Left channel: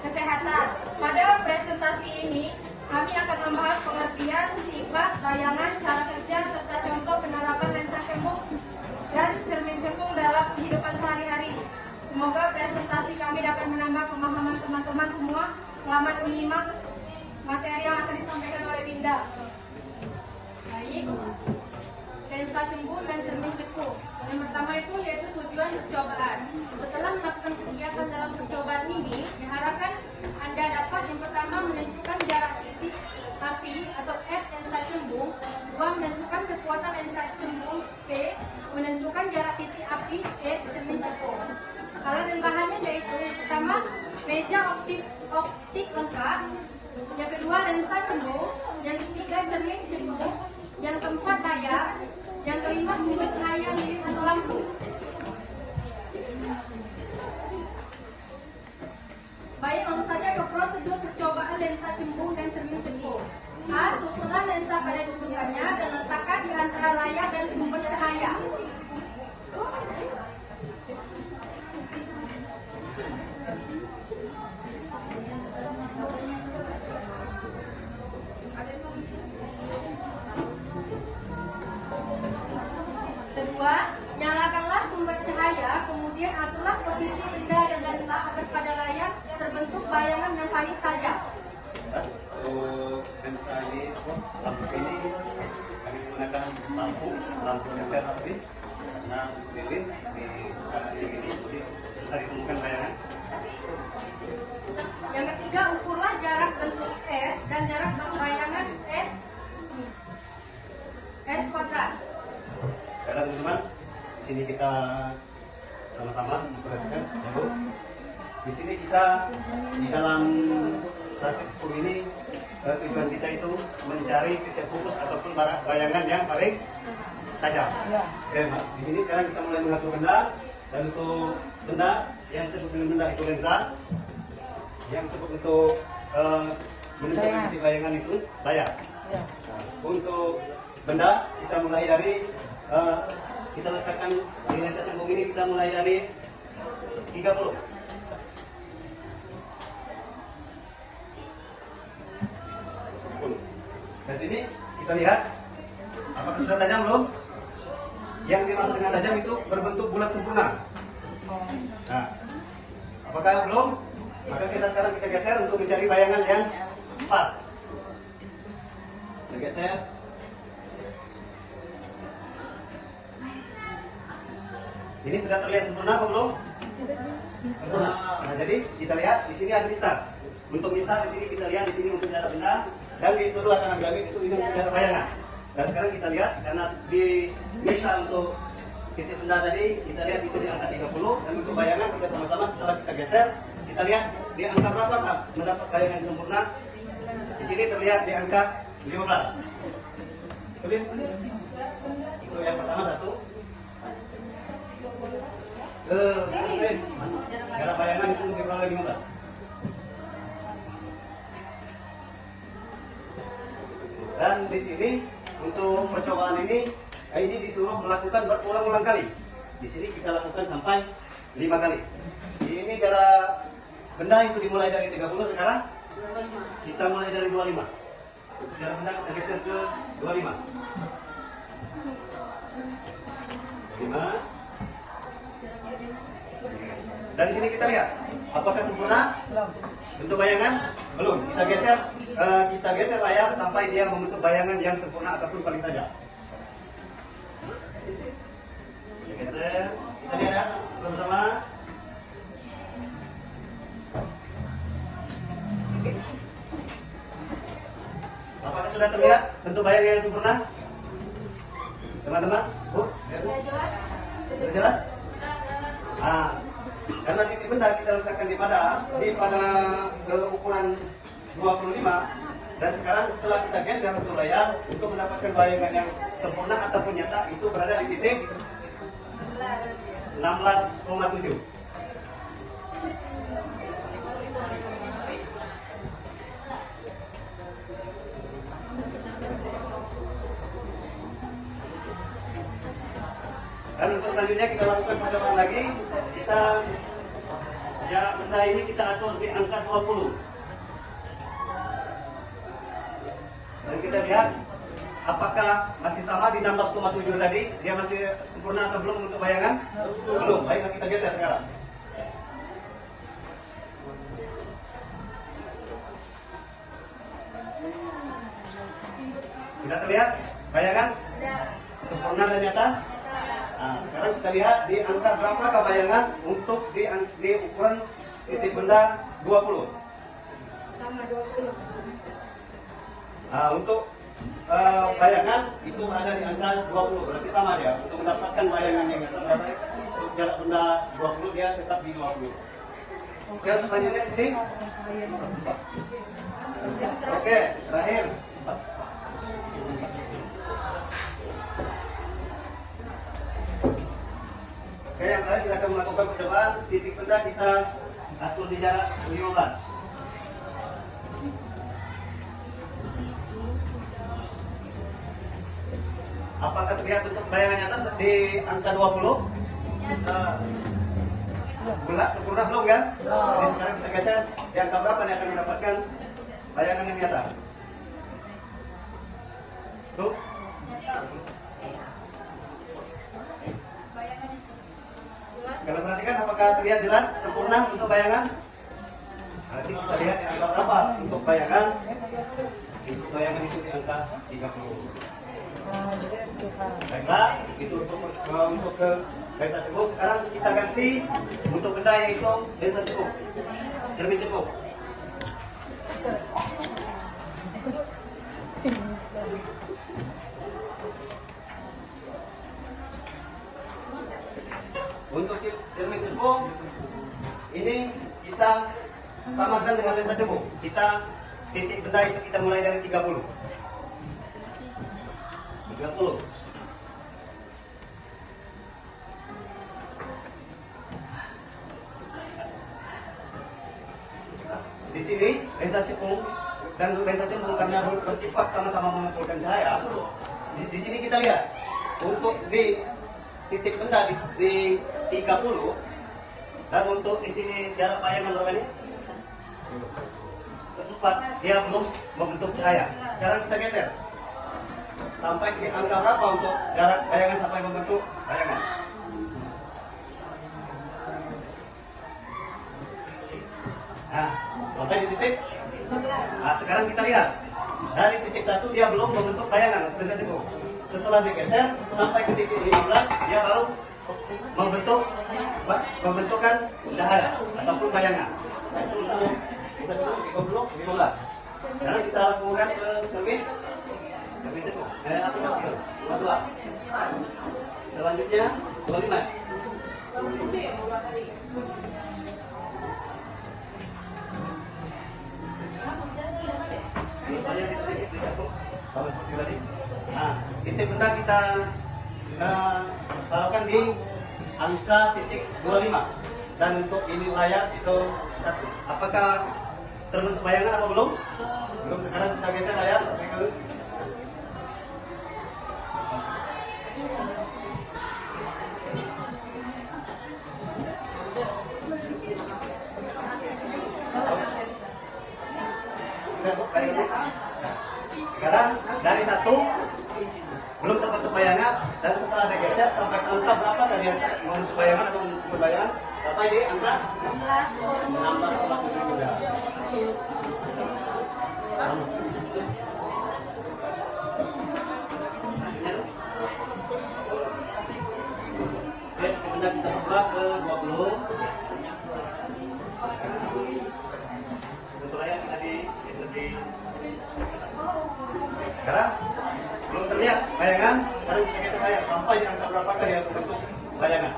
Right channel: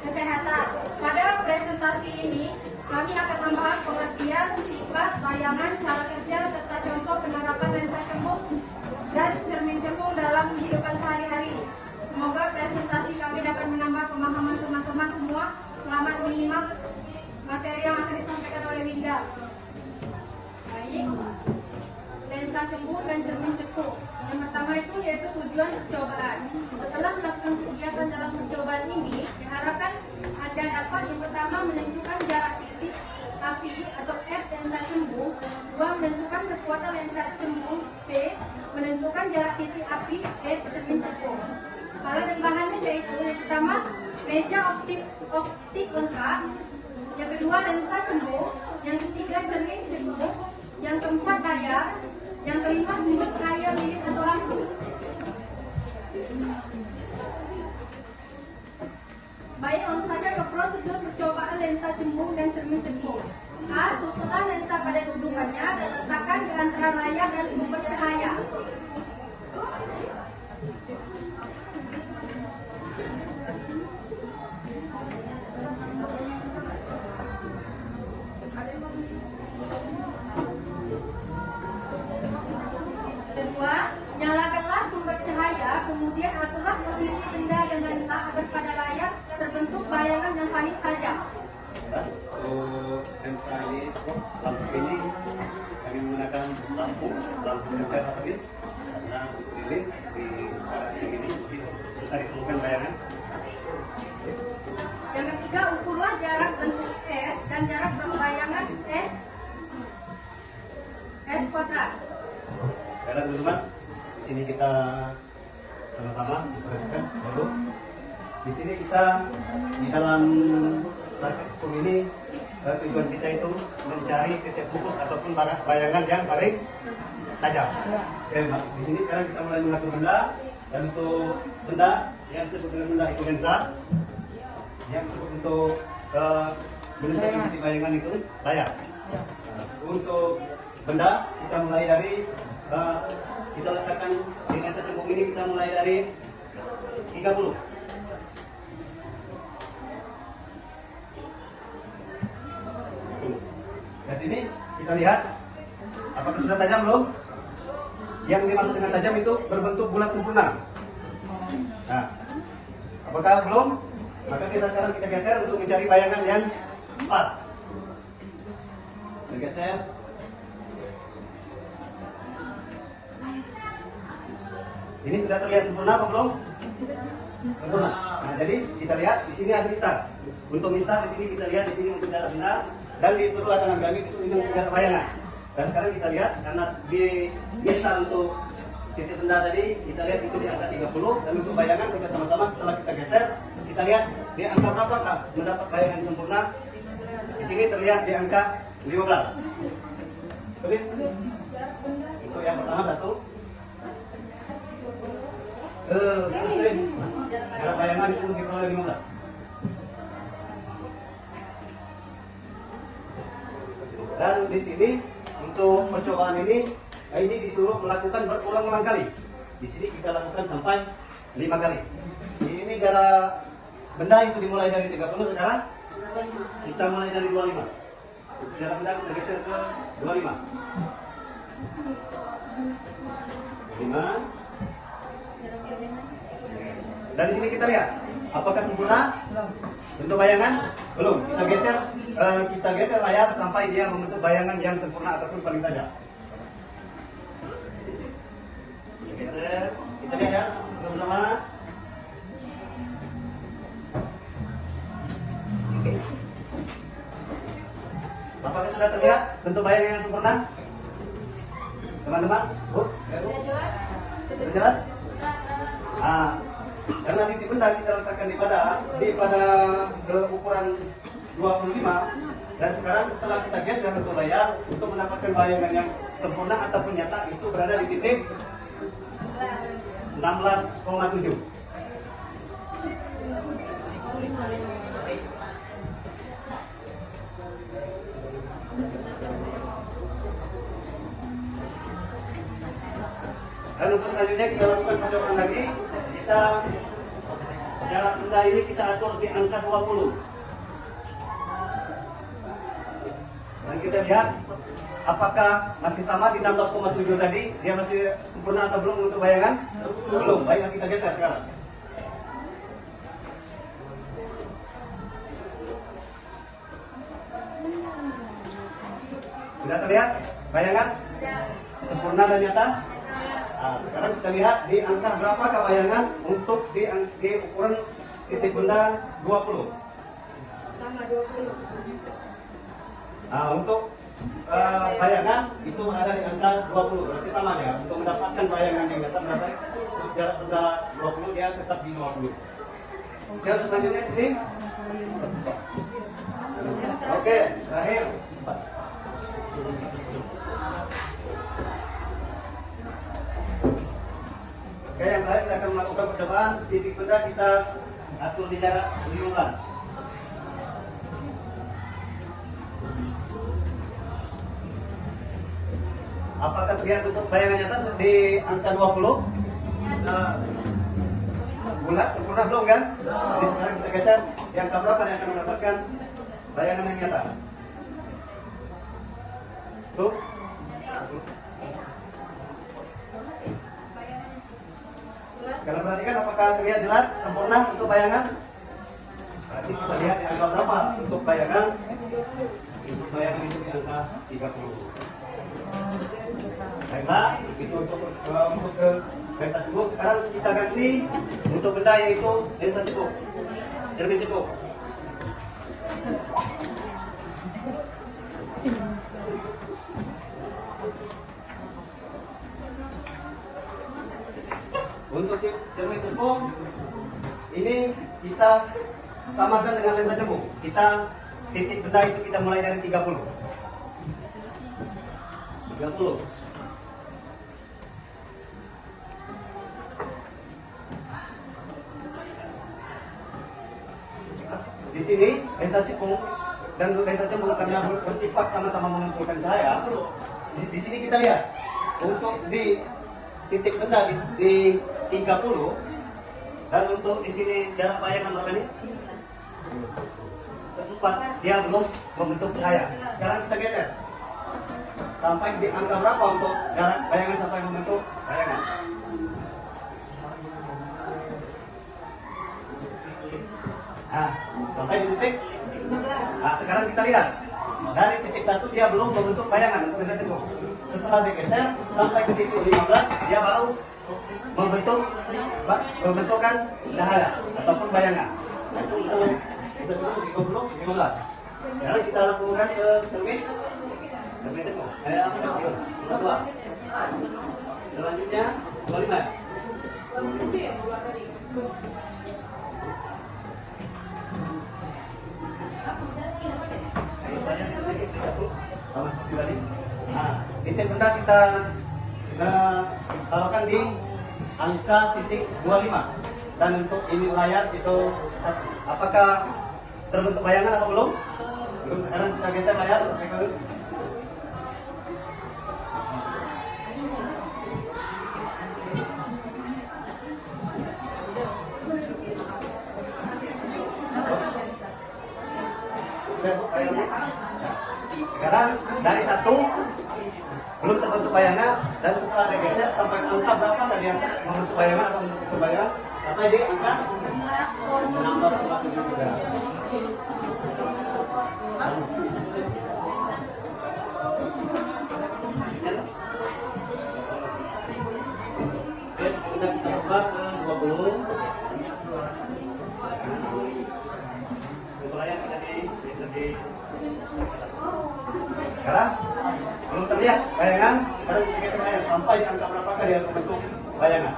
kesehatan. Pada presentasi ini, kami akan membahas pengertian, sifat, bayangan, cara kerja, serta contoh penerapan lensa cembung dan cermin cembung dalam kehidupan sehari-hari. Semoga presentasi kami dapat menambah pemahaman teman-teman semua. Selamat menyimak materi yang akan disampaikan oleh Winda. Baik, lensa cembung dan cermin cekung. Yang pertama itu yaitu tujuan percobaan. Setelah melakukan kegiatan dalam percobaan ini, diharapkan Anda dapat yang pertama menentukan jarak titik api atau F lensa cembung, dua menentukan kekuatan lensa cembung, P menentukan jarak titik api E cermin cekung. Alat dan bahannya yaitu yang pertama meja optik lengkap, yang kedua lensa cembung, yang ketiga cermin cekung, yang keempat layar, yang kelima sumber cahaya lilin atau lampu. Baik, langsung saja ke prosedur percobaan lensa cembung dan cermin cekung. A. Susunan lensa pada dudukannya dan letakkan di antara layar dan sumber cahaya. Kedua, nyalakanlah sumber cahaya, kemudian aturlah posisi benda dan lensa agar pada layar terbentuk bayangan yang paling tajam. Lensa ini, lampu ini kami menggunakan lampu sekat tadi karena lilin di ini susah ditemukan bayangan. Yang ketiga, ukurlah jarak bentuk S dan jarak bayangan S kuadrat. Baiklah teman-teman, di sini kita sama-sama perhatikan. Di sini kita di dalam praktek hukum ini tujuan kita itu mencari titik fokus ataupun bayangan yang paling tajam. Oke, di sini sekarang kita mulai mengatur benda, dan untuk benda yang disebut dengan benda itu lensa, yang disebut untuk menentukan titik bayangan itu layar. Nah, untuk benda kita mulai dari kita letakkan di lensa cembung ini, kita mulai dari 30. Dari sini kita lihat apakah sudah tajam belum? Yang dimaksud dengan tajam itu berbentuk bulat sempurna. Nah, apakah belum? Maka sekarang kita geser untuk mencari bayangan yang pas. Kita geser. Ini sudah terlihat sempurna apa belum? Sempurna. Nah, jadi kita lihat di sini ada mistar. Untuk mistar di sini kita lihat di sini untuk jarak benda, dan di sebelah kanan kami itu tidak ada bayangan. Dan sekarang kita lihat karena di mistar untuk titik benda tadi kita lihat itu di angka 30, dan untuk bayangan kita sama-sama setelah kita geser kita lihat di angka berapa tak mendapat bayangan yang sempurna. Di sini terlihat di angka 15. Tulis untuk yang pertama 1. Jarak bayangan itu lebih kurang 15. Dan di sini untuk percobaan ini disuruh melakukan berulang-ulang kali. Di sini kita lakukan sampai 5 kali. Ini jarak benda itu dimulai dari 30, sekarang kita mulai dari 25. Jarak benda kita geser ke 25. 5. Dan di sini kita lihat apakah sempurna bentuk bayangan? Belum. Kita geser layar sampai dia membentuk bayangan yang sempurna ataupun paling tajam. Kita geser, kita lihat ya sama-sama. Apakah sudah terlihat bentuk bayangan yang sempurna? Teman-teman, Bu? Sudah jelas? Sudah jelas? Karena titik benda kita letakkan pada ukuran 25, dan sekarang setelah kita geser untuk layar untuk mendapatkan bayangan yang sempurna ataupun nyata itu berada di titik 16,7. Dan untuk selanjutnya kita lakukan percobaan lagi. Kita jarak benda ini kita atur di angka 20. Dan kita lihat apakah masih sama di 16,7 tadi, dia masih sempurna atau belum untuk bayangan? Belum. Baiklah kita geser sekarang. Sudah terlihat bayangan? Sempurna dan nyata? Nah, sekarang kita lihat di angka berapakah bayangan untuk di ukuran titik benda 20. Sama 20. Nah, untuk bayangan itu ada di angka 20, berarti sama ya. Untuk mendapatkan bayangan yang nyata, untuk jarak benda 20 dia tetap di 20. Oke, untuk selanjutnya titik. Oke, terakhir 4. Oke, yang terakhir kita akan melakukan percobaan titik benda kita atur di jarak 15. Apakah terlihat untuk bayangan nyata di angka 20? Bulat, sempurna belum kan? Jadi sekarang kita geser di angka berapa yang akan mendapatkan bayangan yang nyata? Tuh. Kalian perhatikan apakah terlihat jelas sempurna untuk bayangan? Nanti kita lihat di angka berapa untuk bayangan. Untuk bayangan itu di angka 30. Baiklah, itu untuk ke lensa cekuk. Sekarang kita ganti untuk benda yaitu lensa cekuk, cermin cekuk. Untuk cermin cekuk ini kita samakan dengan lensa cekuk. Kita titik benda itu kita mulai dari 30. Di sini lensa cekuk dan lensa cekuk karena bersifat sama-sama mengumpulkan cahaya. Di sini kita lihat untuk di titik benda di 30 dan untuk di sini jarak bayangan berapa ini? 4. Dia belum membentuk cahaya. Sekarang kita geser. Sampai di angka berapa untuk jarak bayangan sampai membentuk bayangan? Nah, sampai di titik 15. Nah, sekarang kita lihat. Dari titik 1 dia belum membentuk bayangan untuk lensa cekuk. Setelah digeser sampai ke titik 15 dia baru membentukkan cahaya ataupun bayangan. Nah, itu untuk lensa cekuk 15. Sekarang kita lakukan ke cermin. Cermin cekuk. Apa namanya? 22. Selanjutnya 25. Sama seperti tadi. Nah, titik benda kita taruhkan di angka titik 25 dan untuk ini layar itu 1. Apakah terbentuk bayangan atau belum? Belum. Sekarang kita geser layar sampai ke sekarang dari 1 belum terbentuk bayangan dan setelah digeser sampai ke angka berapa kalian membentuk bayangan atau berbayangan sampai di angka 16,7 juga. Oke, kemudian kita buka ke 20. Layar tadi di segi. Sekarang belum terlihat bayangan. Sekarang kita geser layar sampai di angka berapa kali dia membentuk bayangan.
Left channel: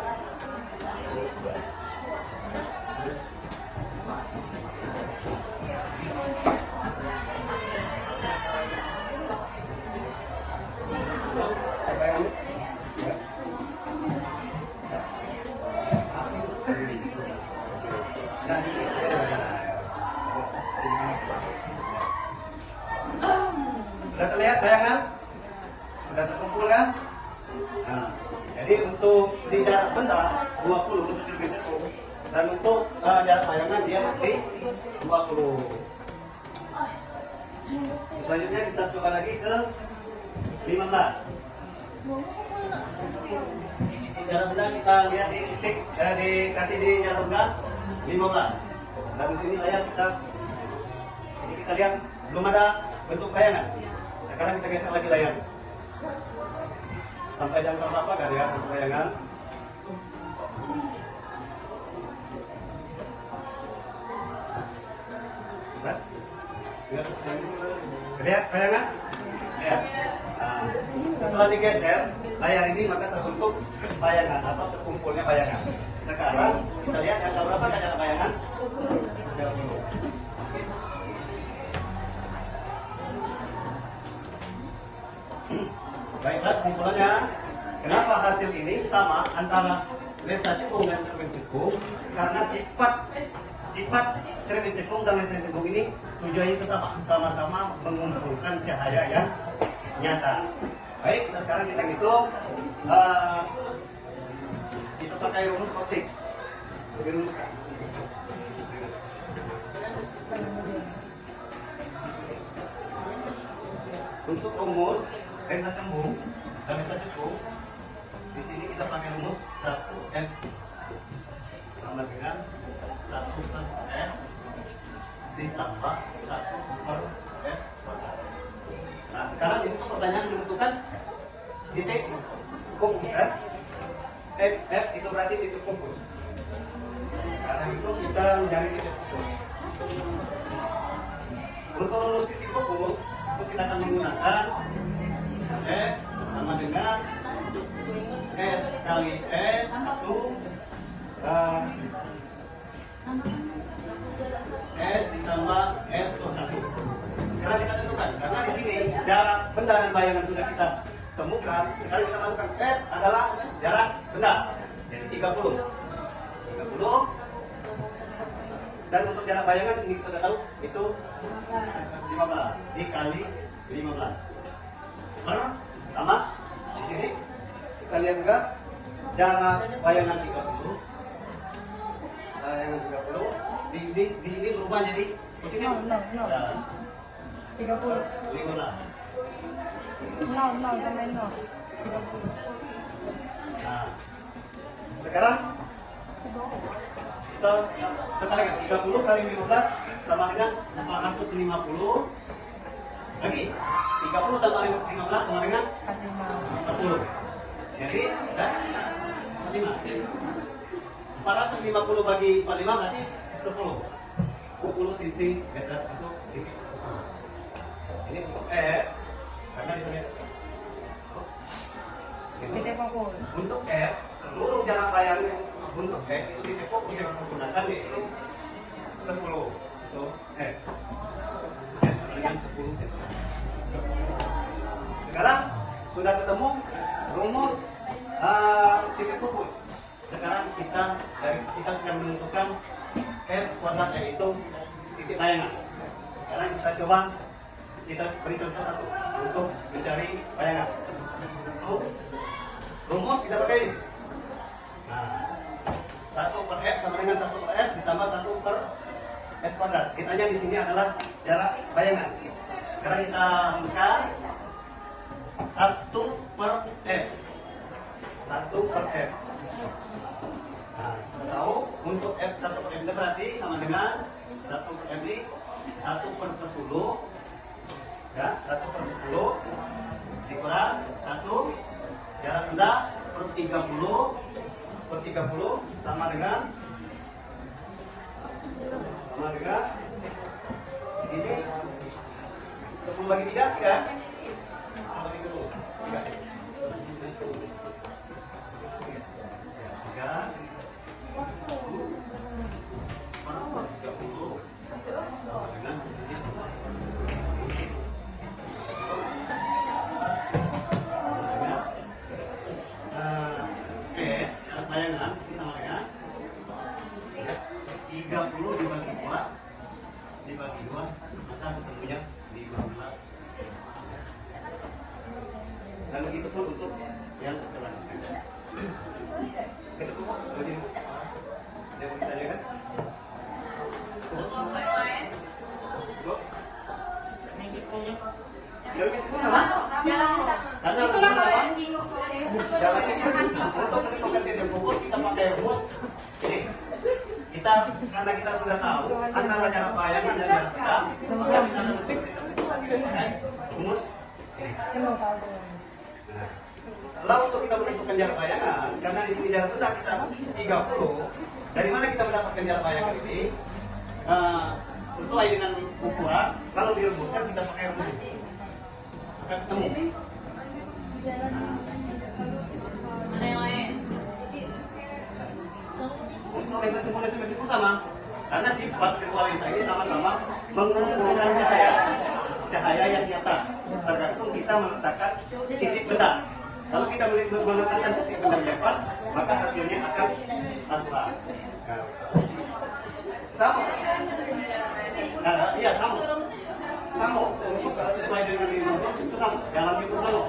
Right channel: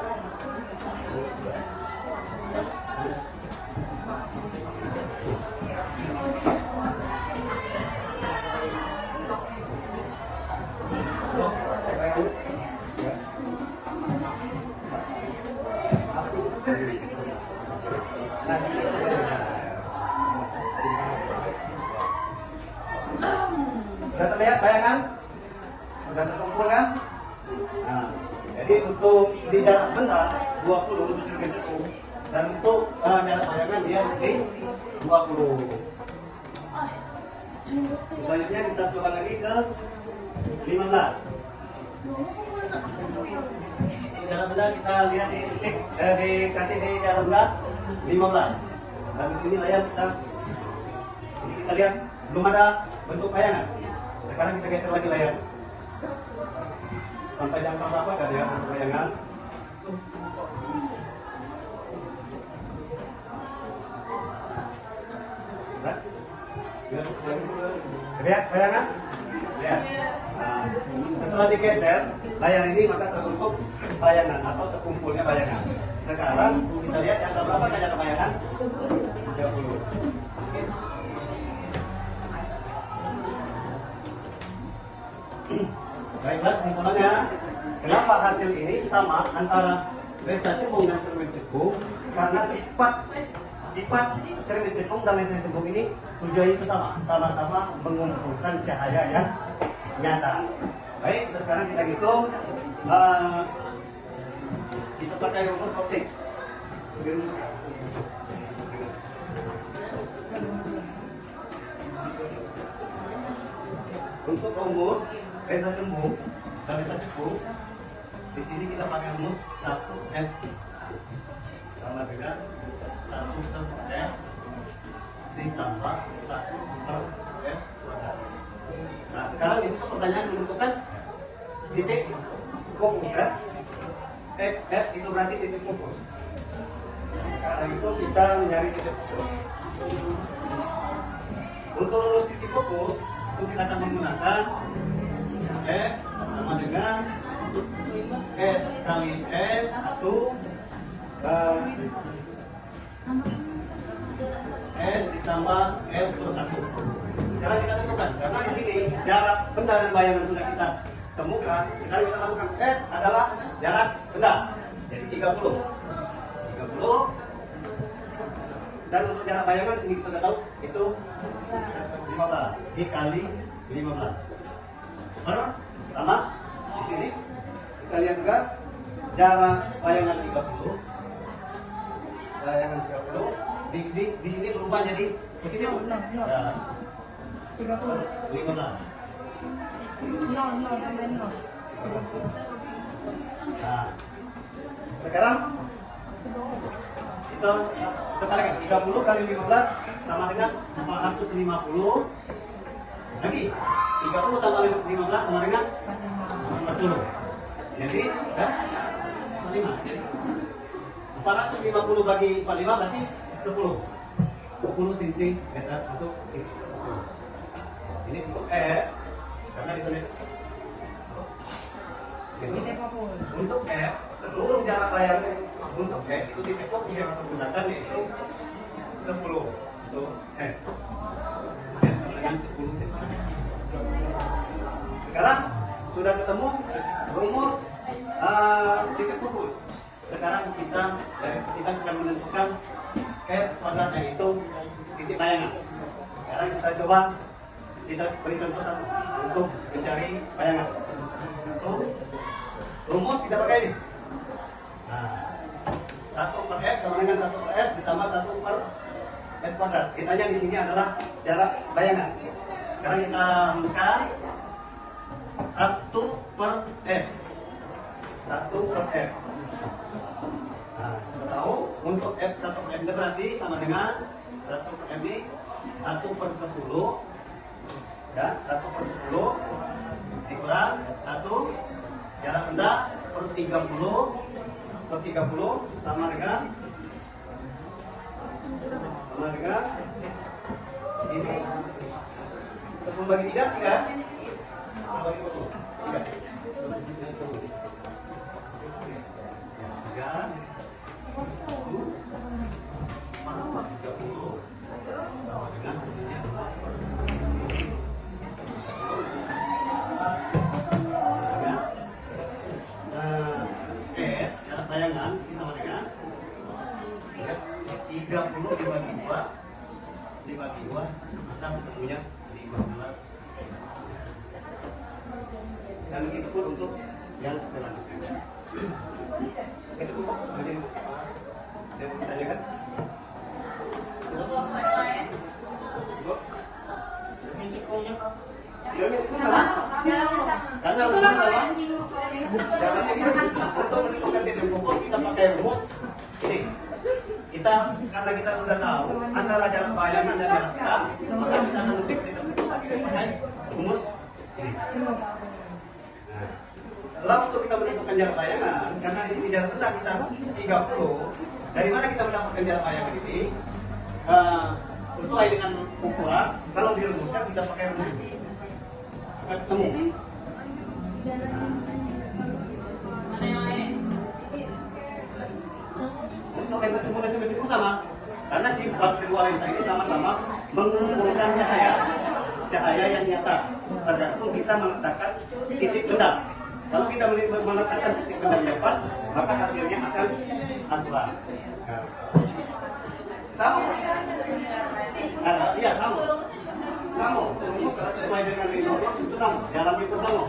Sudah terlihat bayangan? Sudah terkumpul kan? Nah, jadi untuk di jarak benda 20 untuk cermin cekuk Dan untuk jarak bayangan dia di 20. Selanjutnya kita coba lagi ke 15. Jarak benda kita lihat di titik, dikasih di jarak benda 15. Dan ini layar kita, ini kita lihat belum ada bentuk bayangan. Sekarang kita geser lagi layar. Sampai jam berapa dari bentuk bayangan? Lihat bayangan? Ya. Setelah digeser layar ini maka terbentuk bayangan atau terkumpulnya bayangan. Sekarang kita lihat yang berapa jarak bayangan? 30. Baiklah, kesimpulannya, kenapa hasil ini sama antara lensa cekung dan cermin cekung? Karena sifat cermin cekung dan lensa cekung ini tujuannya itu sama-sama mengumpulkan cahaya yang nyata. Baik, nah sekarang kita hitung, kita pakai rumus optik. Dirumuskan. Untuk rumus lensa cembung dan lensa cekung, di sini kita pakai rumus 1M sama dengan 1 per S ditambah 1 per S kuadrat. Nah sekarang di situ pertanyaan menentukan titik fokus kan? F itu berarti titik fokus. Sekarang itu kita mencari titik fokus. Untuk rumus titik fokus itu kita akan menggunakan F sama dengan S kali S 1 S ditambah S plus 1. Sekarang kita tentukan, karena di sini jarak benda dan bayangan sudah kita temukan. Sekarang kita masukkan S adalah jarak benda, jadi 30. Dan untuk jarak bayangan di sini kita sudah tahu itu 15 dikali 15. Sama di sini kita lihat juga jarak bayangan 30. Bayangan 30 di sini berubah jadi positif. No. 30. 15. No, jangan no. 30. Nah, sekarang kita kalikan 30 kali 15 sama dengan 450. Lagi 30 tambah 15 sama dengan 40. Jadi ya 5. 450 bagi 45 berarti 10 cm untuk sini. Ini untuk karena di sini Titik fokus. untuk seluruh jarak layar untuk itu titik fokus yang menggunakan yaitu 10 untuk sama dengan 10 cm. Sekarang sudah ketemu rumus titik fokus. Sekarang kita akan menentukan S kuadrat yaitu titik bayangan. Sekarang kita coba beri contoh satu untuk mencari bayangan. Untuk rumus kita pakai ini. Nah, 1 per F sama dengan 1 per S ditambah 1 per S kuadrat. Kitanya di sini adalah jarak bayangan. Sekarang kita rumuskan 1 per F. 1 per F. Nah, kita tahu untuk F1 per F itu berarti sama dengan 1 per F ini 1 per 10. Ya, 1 per 10 dikurang 1 jarak benda per 30 sama dengan sini 10 bagi 3 kan? 3 S bayangan sama dengan 30 dibagi 2 maka tentunya 15. Dan begitu pun untuk yang selanjutnya. Itu cukup. Ada yang ditanyakan? Untuk kelompok yang lain, Ibu? Cermin sama? jalan sama. Karena Itulah rumus kalau sama. yang bingung soalnya. Jangan ini untuk menentukan titik fokus kita pakai rumus. Ini kita karena kita sudah tahu antara jarak bayangan dan jarak sedang, maka kita akan menentukan titik fokus pakai rumus. Ini. Nah, setelah untuk kita menentukan jarak bayangan, karena di sini jarak sedang kita 30. Dari mana kita mendapatkan jarak bayangan ini? Sesuai dengan ukuran. Kalau dirumuskan kita pakai rumus ini. Ketemu. Ada yang lain? Untuk lensa cembung sama, karena sifat kedua lensa ini sama-sama mengumpulkan cahaya yang nyata. Tergantung kita meletakkan titik benda. Kalau kita meletakkan titik benda yang pas, maka hasilnya akan akurat. Nah, sama. Iya sama. Sama. Terus kalau sesuai dengan itu sama. Jalannya pun sama.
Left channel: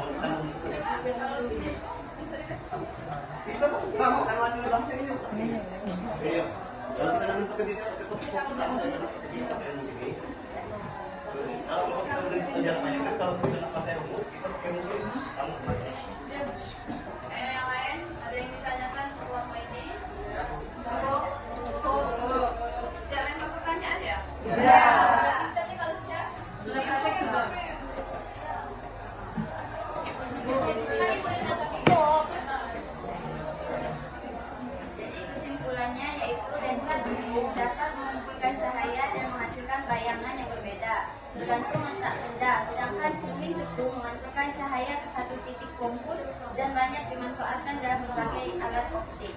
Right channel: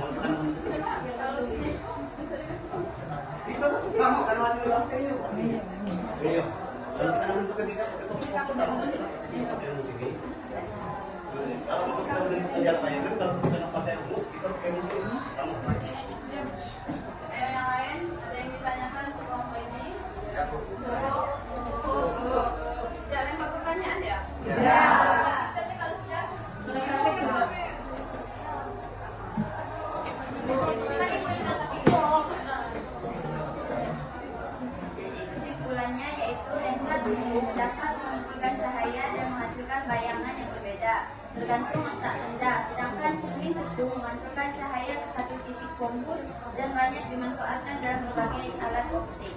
Bisa sama kan hasilnya sama. Iya. Kalau kita menentukan titik fokus sama. Kalau kita menentukan jarak bayangan, kalau kita pakai rumus, kita pakai rumus ini sama. Yang lain ada yang ditanyakan untuk kelompok ini? Tidak ada yang mau pertanyaan ya? Sudah praktek juga. Jadi kesimpulannya yaitu lensa jumbo dapat mengumpulkan cahaya dan menghasilkan bayangan yang berbeda tergantung letak benda, sedangkan cermin cekung mengantarkan cahaya ke satu titik fokus dan banyak dimanfaatkan dalam berbagai alat optik.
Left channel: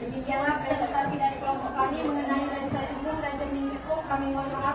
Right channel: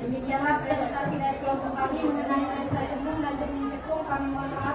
Demikianlah presentasi dari kelompok kami mengenai lensa cembung dan cermin cekung. Kami mohon maaf